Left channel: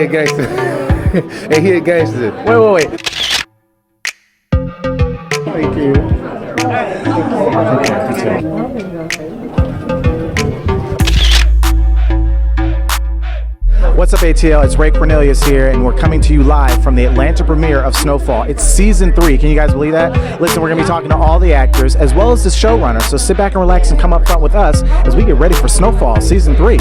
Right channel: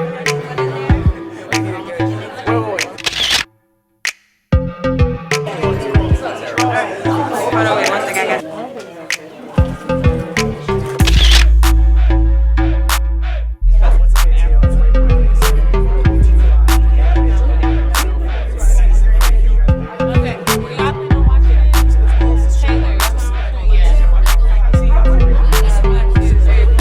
a gangster. Hey, he a gangster. Wait. Hold on, wait one second. What's up, ATL? It's Ray Cornelius here, and we're coming to you live from the Atlanta premiere of Snowfall. It's season 3. Can you guys believe that? Listen, we're going to be talking to all the actors as well as the showrunner. So sit back and relax and come up front with us as we get ready for Snowfall season 3.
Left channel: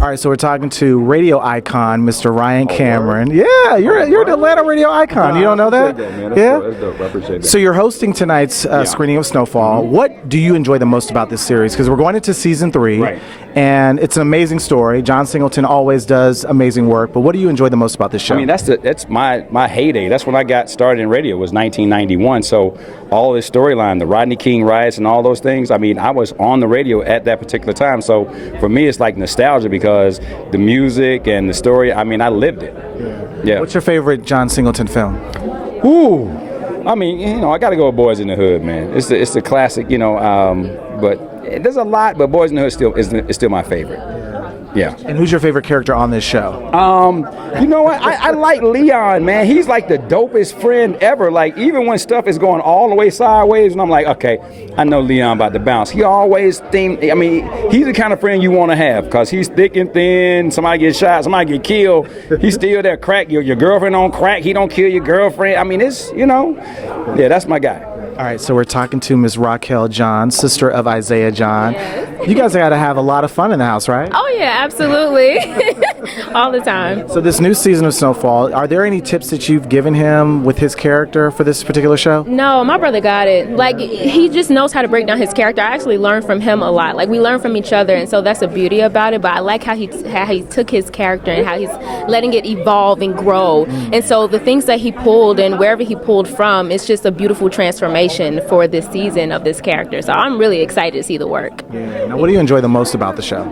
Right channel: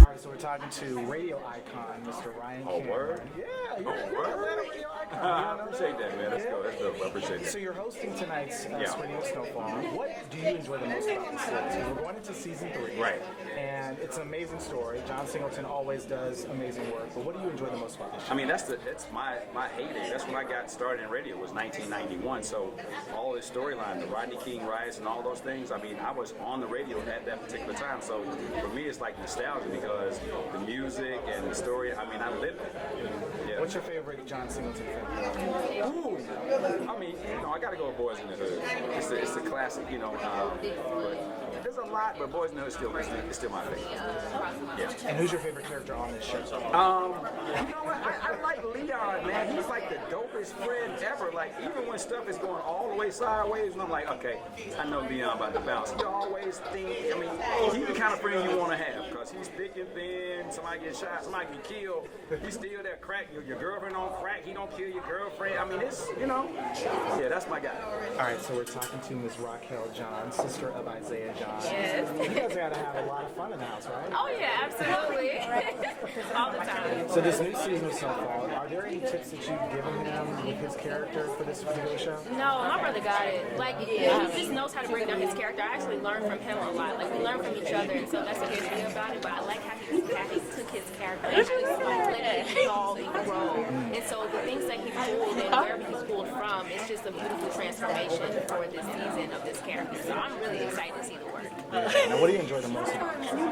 All right, so we're talking to radio icon, Mr. Ryan Cameron. Yeah, you're an Atlanta radio icon. You don't know that? That's dope. I appreciate that. So you're hosting tonight's screening of Snowfall. What do you enjoy the most about this series? Because we're going into season 3, right, and it's an amazing story. John Singleton always does amazing work. But what do you enjoy the most about this show? I mean, that's my heyday. That's when I got started in radio. Was 1991. So all this storyline, the Rodney King riots, and all those things. I mean, I was on the radio at that particular time. So for me, it's like nostalgia because the music and the story. I mean, I lived it. Yeah. What's your favorite John Singleton film? Ooh, I mean, I got to go with Boys in the Hood, man. It's the classic, but there's a lot, but Boys in the Hood is still my favorite. Yeah. And who's your favorite character on this show? You know what? I like Leon, man. He's like the dopest friend ever. Like, even when stuff is going all the way sideways, and I'm like, okay, I know Leon about to bounce. He always he's the kind of friend you want to have because he's thick and thin. Somebody gets shot, somebody get killed. He's still there, crack. Your girlfriend on crack. He don't kill your girlfriend. I mean, it's, yeah, that's my guy. All right, so we're talking to Ms. Raquel John, sister of Isaiah John. You guys got to have a lot of fun in the house, right? Oh yeah, absolutely. All the time. So this new season of Snowfall, are there any tips that you've given him with his character for this particular show? No, my brother got it. Like, he just knows how to break down his character. I actually learned from him a lot. Like, we learn from each other, and so that's the beauty about it. But I like how he took his character and how he's letting it evolve and grow. And so the things that he pulled and wherever he pulled from, it's just a beautiful transformation for this season of this character. So I'm really excited to see the work. Now, what do you enjoy the most about the show?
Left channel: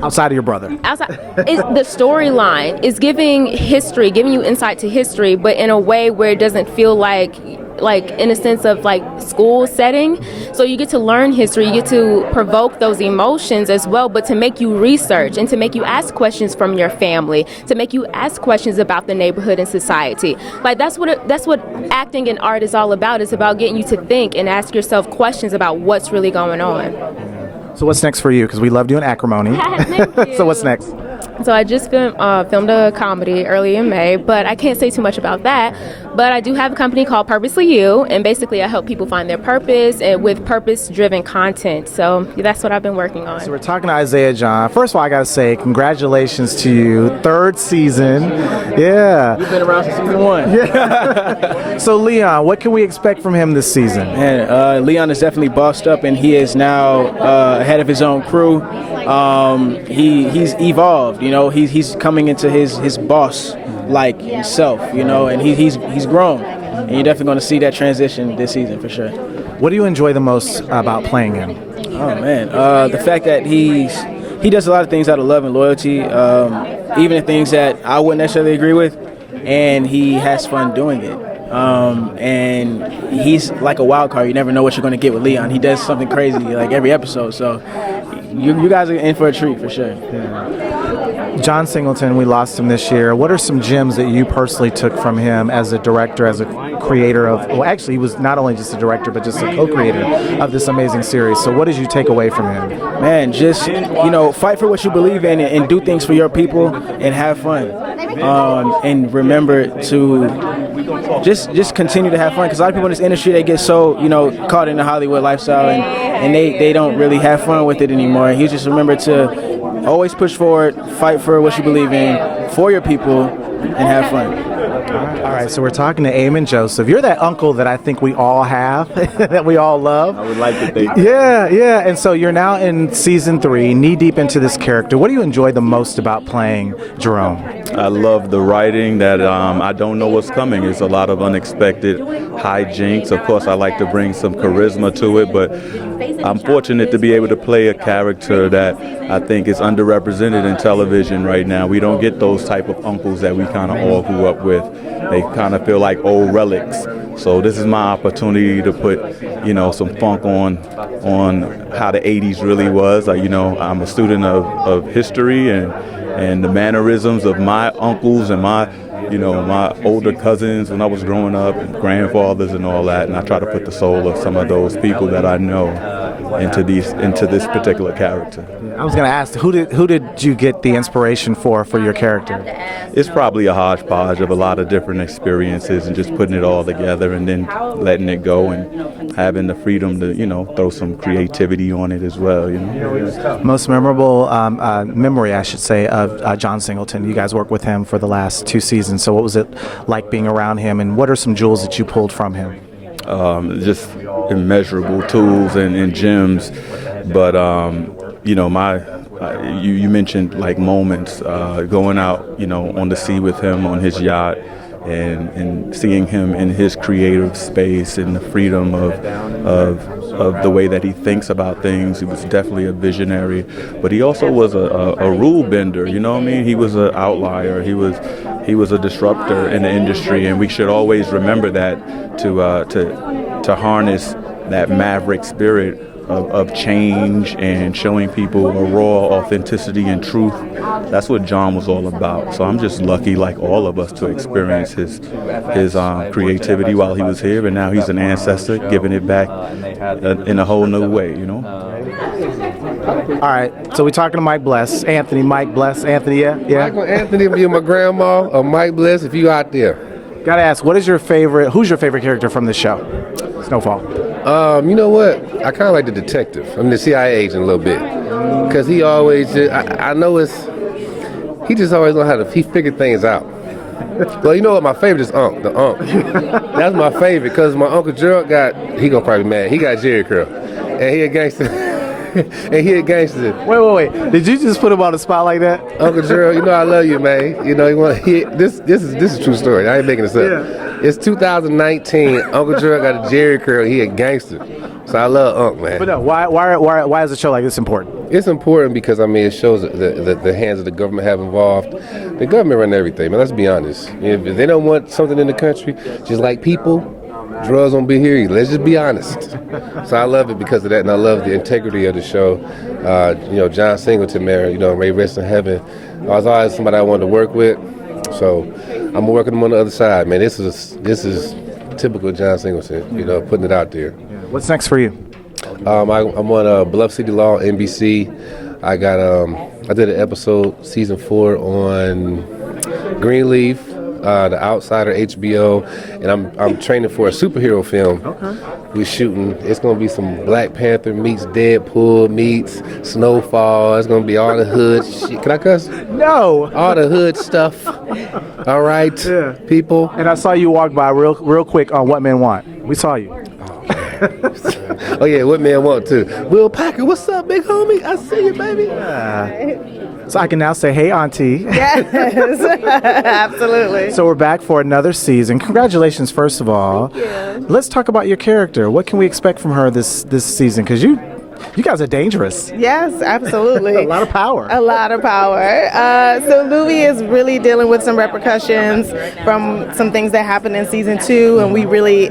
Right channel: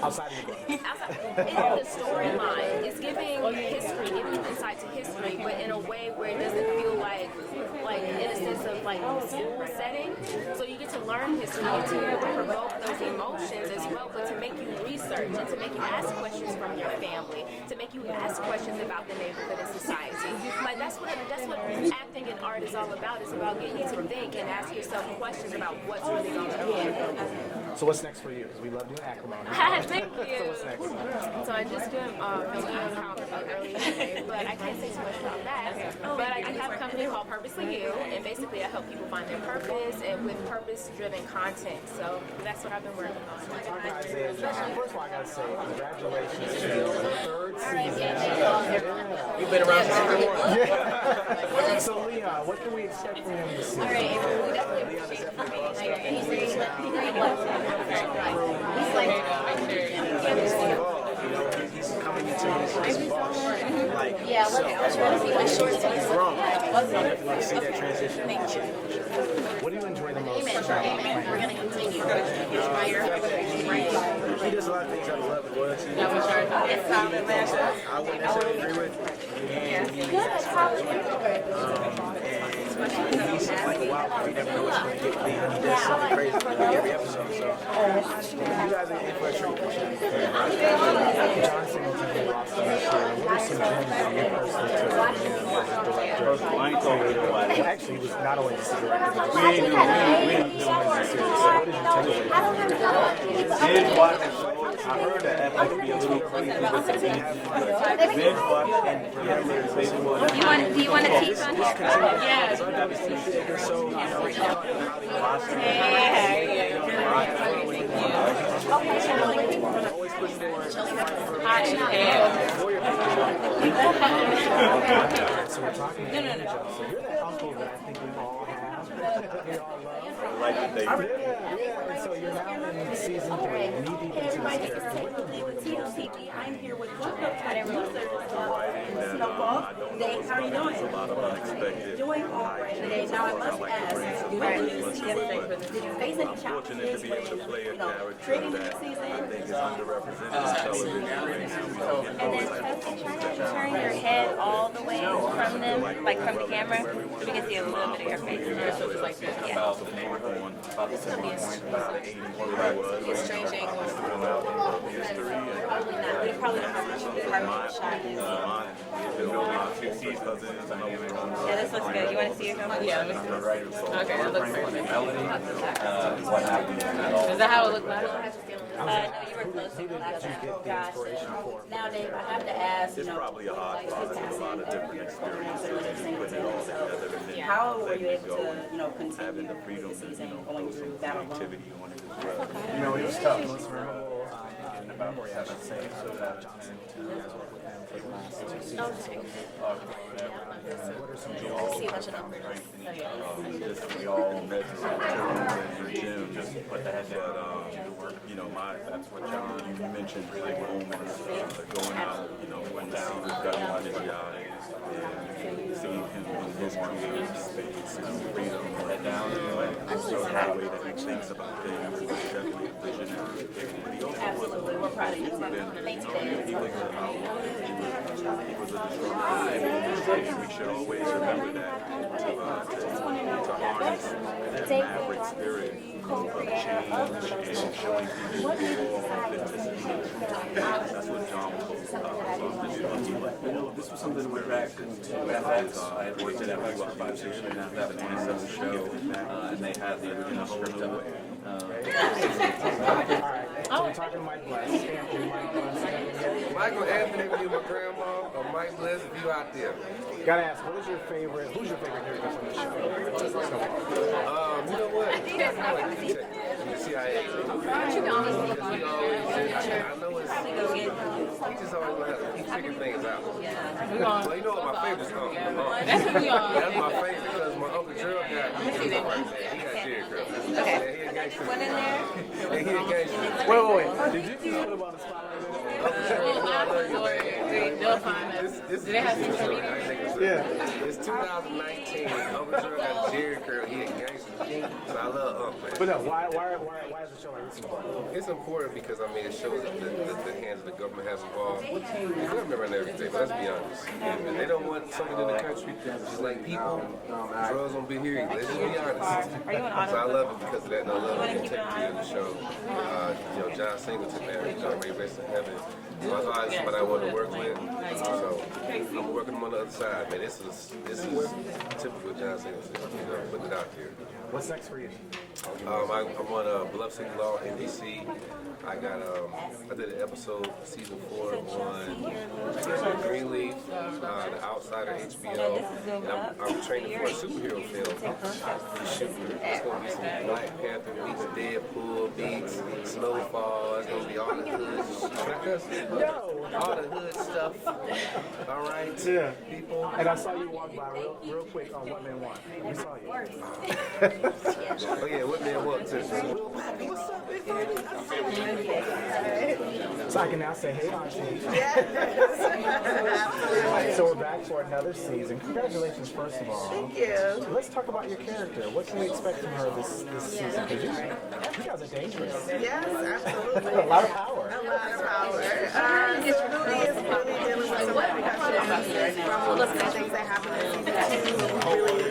Outside of your brother. The storyline is giving history, giving you insight to history, but in a way where it doesn't feel like in a sense of like school setting. So you get to learn history, you get to provoke those emotions as well, but to make you research and to make you ask questions from your family, to make you ask questions about the neighborhood and society. Like, that's what acting and art is all about. It's about getting you to think and ask yourself questions about what's really going on. So what's next for you? Because we love doing acrimony. So what's next? So I just filmed a comedy early in May, but I can't say too much about that. But I do have a company called Purposely You, and basically I help people find their purpose and with purpose-driven content. So that's what I've been working on. So we're talking to Isaiah John. First of all, I got to say congratulations to you. 3rd season. Yeah. You've been around since season 1. Yeah. So Leon, what can we expect from him this season? Man, Leon is definitely bossed up, and he is now head of his own crew. He's evolved, he's coming into his boss like himself, and he's grown, and you're definitely going to see that transition this season for sure. What do you enjoy the most about playing him? Oh man, the fact that he does a lot of things out of love and loyalty, even the things that I wouldn't necessarily agree with, and he has fun doing it. And he's like a wild card. You never know what you're going to get with Leon. He does something crazy like every episode. So you guys are in for a treat for sure. John Singleton, we lost him this year. What are some gems that you personally took from him as a director, as a creator of, well, actually, he was not only just a director, but just a co-creator of this amazing series. So what did you take away from him? Man, just, fight for what you believe in and do things for your people and have fun. And remember to just continue to have fun, because a lot of people in this industry, they get so, caught in the Hollywood lifestyle and they don't really have fun with it anymore. You just remember to always push forward, fight for what you believe in, for your people, and have fun. All right, so we're talking to Eamon Joseph. You're that uncle that I think we all have, that we all love. I would like to think. Yeah. And so you're now in season 3, knee deep into this character. What do you enjoy the most about playing Jerome? I love the writing that I don't know what's coming. It's a lot of unexpected hijinks. Of course, I like to bring some charisma to it, but I'm fortunate to be able to play a character that I think is underrepresented in television right now. We don't get those type of uncles that we kind of all grew up with. They kind of feel like old relics. So this is my opportunity to put, some funk on how the 80s really was. I'm a student of history and the mannerisms of my uncles and my older cousins when I was growing up, and grandfathers and all that, and I try to put the soul of some of those people that I know into this particular character. I was going to ask, who did you get the inspiration for your character? It's probably a hodgepodge of a lot of different experiences and just putting it all together and then letting it go and having the freedom to, throw some creativity on it as well, Most memorable memory, I should say, of John Singleton. You guys worked with him for the last 2 seasons, so what was it like being around him, and what are some jewels that you pulled from him? Just immeasurable tools and gems, but you mentioned like moments going out on the sea with him on his yacht and seeing him in his creative space and the freedom of the way that he thinks about things. He was definitely a visionary, but he also was a rule bender. He was an outlier. He was a disruptor in the industry, and we should always remember that to harness that maverick spirit of change and showing people a raw authenticity and truth. That's what John was all about. So I'm just lucky, like all of us, to experience his creativity while he was here, and now he's an ancestor giving it back in a whole new way, All right, so we're talking to Mike Bless. Anthony, Mike Bless. Anthony, yeah? Michael Anthony, if you're my grandma, or Mike Bless, if you out there. Gotta ask, who's your favorite character from this show? Snowfall. You know what? I kind of like the detective. The CIA agent a little bit. Because he always, I know he just always know he figured things out. Well, you know what? My favorite is Unc, the Unc. That's my favorite because my Uncle Gerald he gonna probably be mad. He got Jerry curl. And he a gangster. Wait. Did you just put him on the spot like that? Uncle Gerald, I love you, man. This is a true story. I ain't making this up. Yeah. It's 2019. Uncle Gerald got a Jerry curl. He a gangster. So I love Unc, man. But no, why is a show like this important? It's important because, it shows that the hands of the government have involved. The government run everything, man. Let's be honest. If they don't want something in the country, just like people, drugs won't be here. Let's just be honest. So I love it because of that, and I love the integrity of the show. John Singleton, man, may rest in heaven. I was always somebody I wanted to work with. So I'm working him on the other side, man. This is typical John Singleton, putting it out there. What's next for you? I'm on Bluff City Law, NBC. I did an episode, season 4 on Greenleaf, The Outsider, HBO, and I'm training for a superhero film. Okay. We're shooting. It's gonna be some Black Panther meets Deadpool meets Snowfall. It's gonna be all the hood shit. Can I cuss? No. All the hood stuff. All right, people. And I saw you walk by real quick on What Men Want. We saw you. Oh yeah, What Men Want too. Will Packer, what's up, big homie? I see you, baby. So I can now say, hey, Auntie. Yes, absolutely. So we're back for another season. Congratulations, first of all. Thank you. Let's talk about your character. What can we expect from her this season? Because you guys are dangerous. Yes, absolutely. A lot of power. A lot of power. So Louie is really dealing with some repercussions from some things that happened in season 2, and we really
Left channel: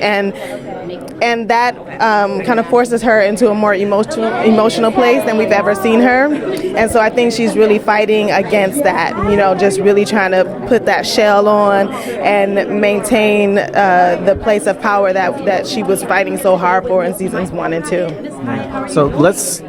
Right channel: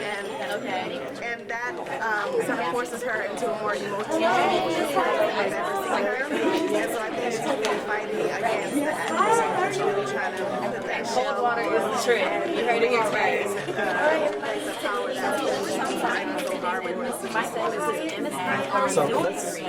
and that kind of forces her into a more emotional place than we've ever seen her. And so I think she's really fighting against that, just really trying to put that shell on and maintain the place of power that she was fighting so hard for in seasons 1 and 2. So let's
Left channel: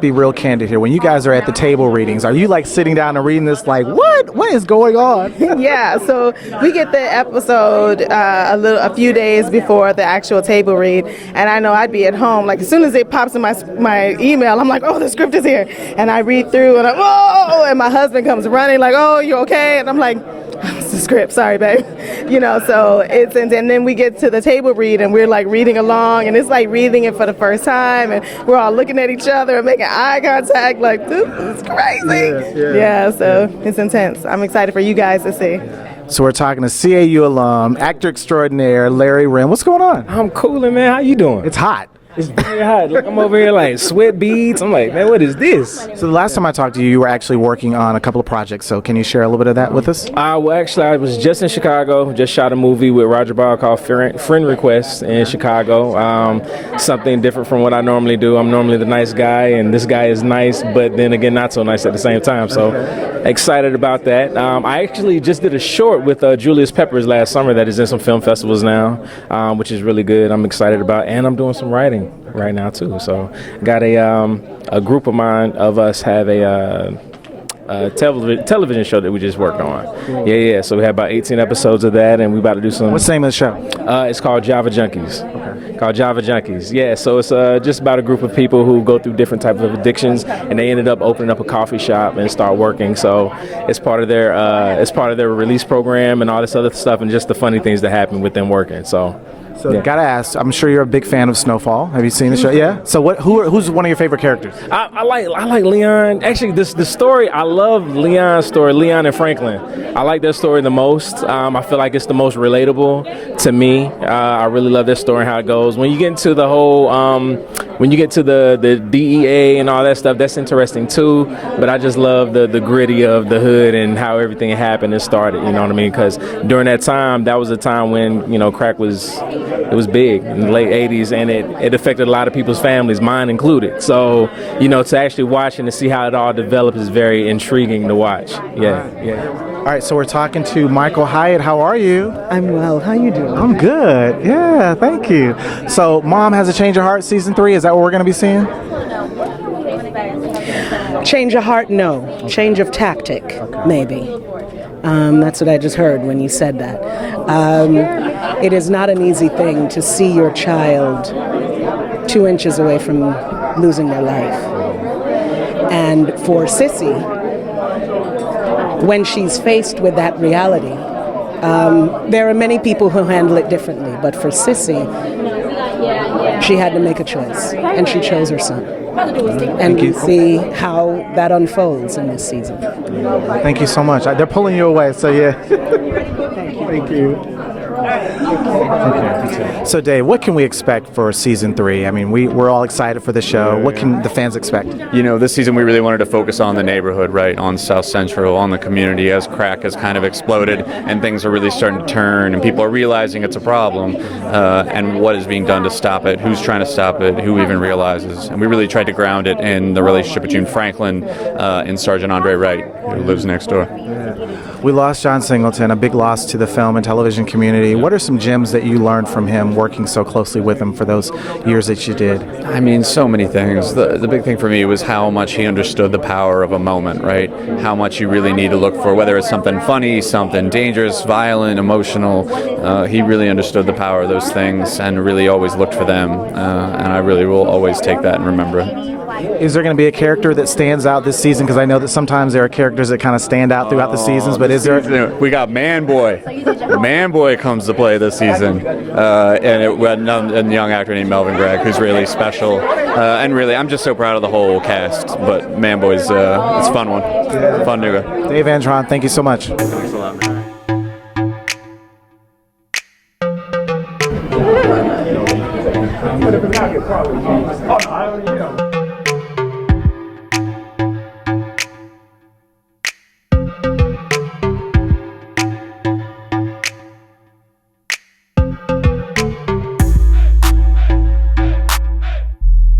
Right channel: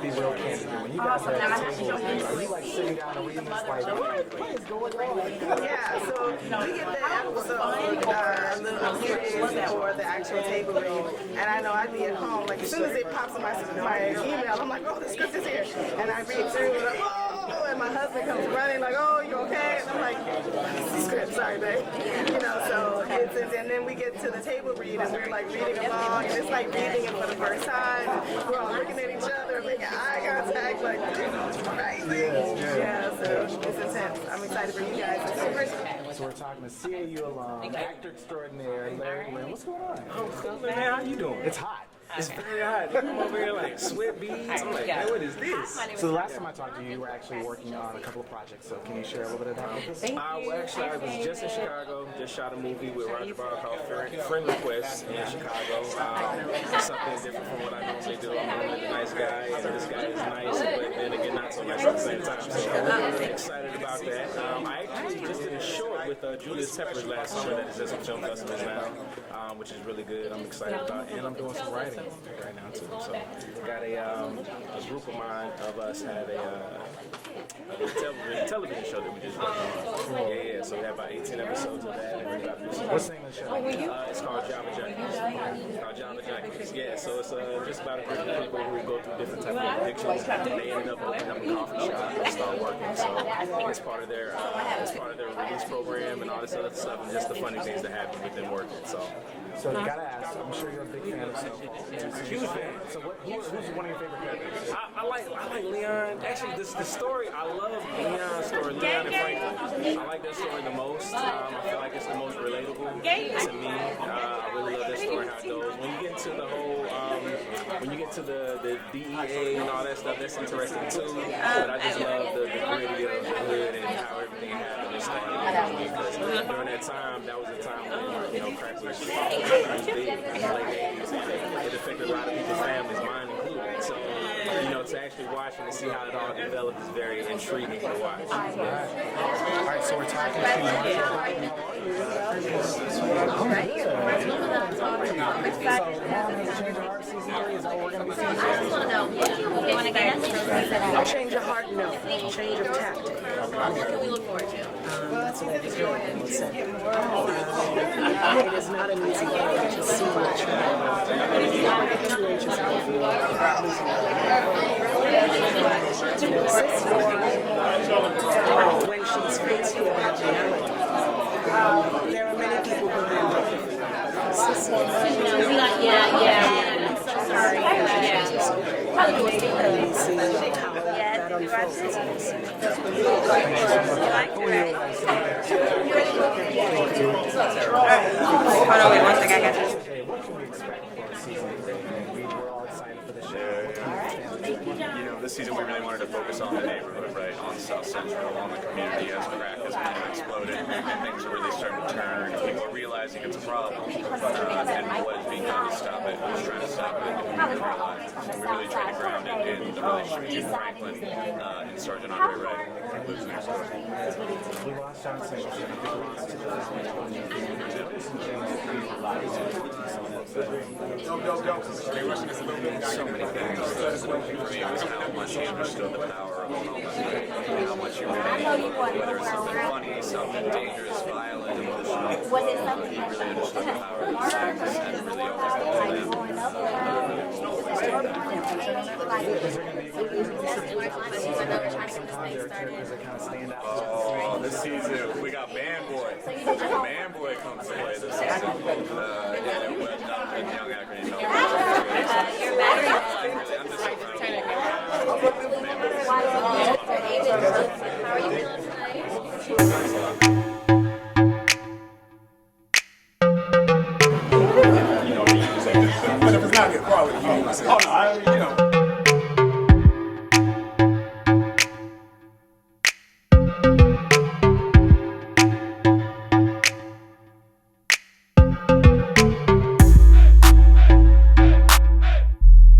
be real candid here. When you guys are at the table readings, are you like sitting down and reading this like, what is going on? Yeah, so we get the episode a few days before the actual table read, and I know I'd be at home, like as soon as it pops in my email, I'm like, oh, the script is here, and I read through, and and my husband comes running like, oh, you okay? And I'm like, it's the script, sorry, babe. So and then we get to the table read, and we're like reading along, and it's like reading it for the first time, and we're all looking at each other and making eye contact, like, this is crazy. Yeah, so it's intense. I'm excited for you guys to see. So we're talking to CAU alum, actor extraordinaire, Larry Rim. What's going on? I'm coolin', man. How you doing? It's hot. It's very hot. Like I'm over here like sweat beads. I'm like, man, what is this? So the last time I talked to you, you were actually working on a couple of projects. So can you share a little bit of that with us? Well, actually, I was just in Chicago. Just shot a movie with Roger Ball called Friend Request in Chicago. Something different from what I normally do. I'm normally the nice guy, and this guy is nice, but then again, not so nice at the same time. So excited about that. I actually just did a short with Julius Peppers last summer that is in some film festivals now, which is really good. I'm excited about, and I'm doing some writing right now too. So got a group of us have a television show that we just worked on. Yeah. So we have about 18 episodes of that, and we about to do some. What's the name of the show? It's called Java Junkies. Called Java Junkies. Yeah. So it's just about a group of people who go through different types of addictions, and they ended up opening up a coffee shop and start working. So it's part of their release program and all this other stuff, and just the funny things that happen with them working. So yeah. Gotta ask. I'm sure you're a big fan of Snowfall. Have you seen the show? Yeah. So who's one of your favorite characters? I like Leon. Actually, the story. I love Leon's story. Leon and Franklin. I like their story the most. I feel like it's the most relatable to me. I really love their story and how it goes. When you get into the whole, when you get to the DEA and all that stuff, that's interesting too. But I just love the gritty of the hood and how everything happened and started. You know what I mean? Because during that time, that was a time when crack was. It was big in the late 80s, and it affected a lot of people's families, mine included. So, to actually watch and to see how it all developed is very intriguing to watch. Yeah. All right, so we're talking to Michael Hyatt. How are you? I'm well. How you doing? I'm good. Yeah, thank you. So, Mom Has a Change of Heart, Season 3, is that what we're going to be seeing? Change of heart, no. Change of tactic, maybe. That's what I just heard when you said that. It is not an easy thing to see your child 2 inches away from losing their life. And for Sissy, when she's faced with that reality, there are many people who handle it differently, but for Sissy, she had to make a choice, and she chose her son. And we'll see how that unfolds in this season. Thank you so much. They're pulling you away, so yeah. Thank you. So Dave, what can we expect for Season 3? I mean, we're all excited for the show. What can the fans expect? This season we really wanted to focus on the neighborhood, right, on South Central, on the community, as crack has kind of exploded and things are really starting to turn and people are realizing it's a problem, and what is being done to stop it, who's trying to stop it, who even realizes. And we really tried to ground it in the relationship between Franklin and Sergeant Andre Wright, who lives next door. We lost John Singleton, a big loss to the film and television community. What are some gems that you learned from him working so closely with him for those years that you did? I mean, so many things. The big thing for me was how much he understood the power of a moment, right? How much you really need to look for, whether it's something funny, something dangerous, violent, emotional. He really understood the power of those things and really always looked for them. And I really will always take that and remember it. Is there going to be a character that stands out this season? Because I know that sometimes there are characters that kind of stand out throughout the seasons, but is there... We got Man Boy. Man Boy comes to play this season. And we had a young actor named Melvin Gregg, who's really special. And really, I'm just so proud of the whole cast. But Man Boy's it's a fun one. Fun to go. Dave Andron, thank you so much.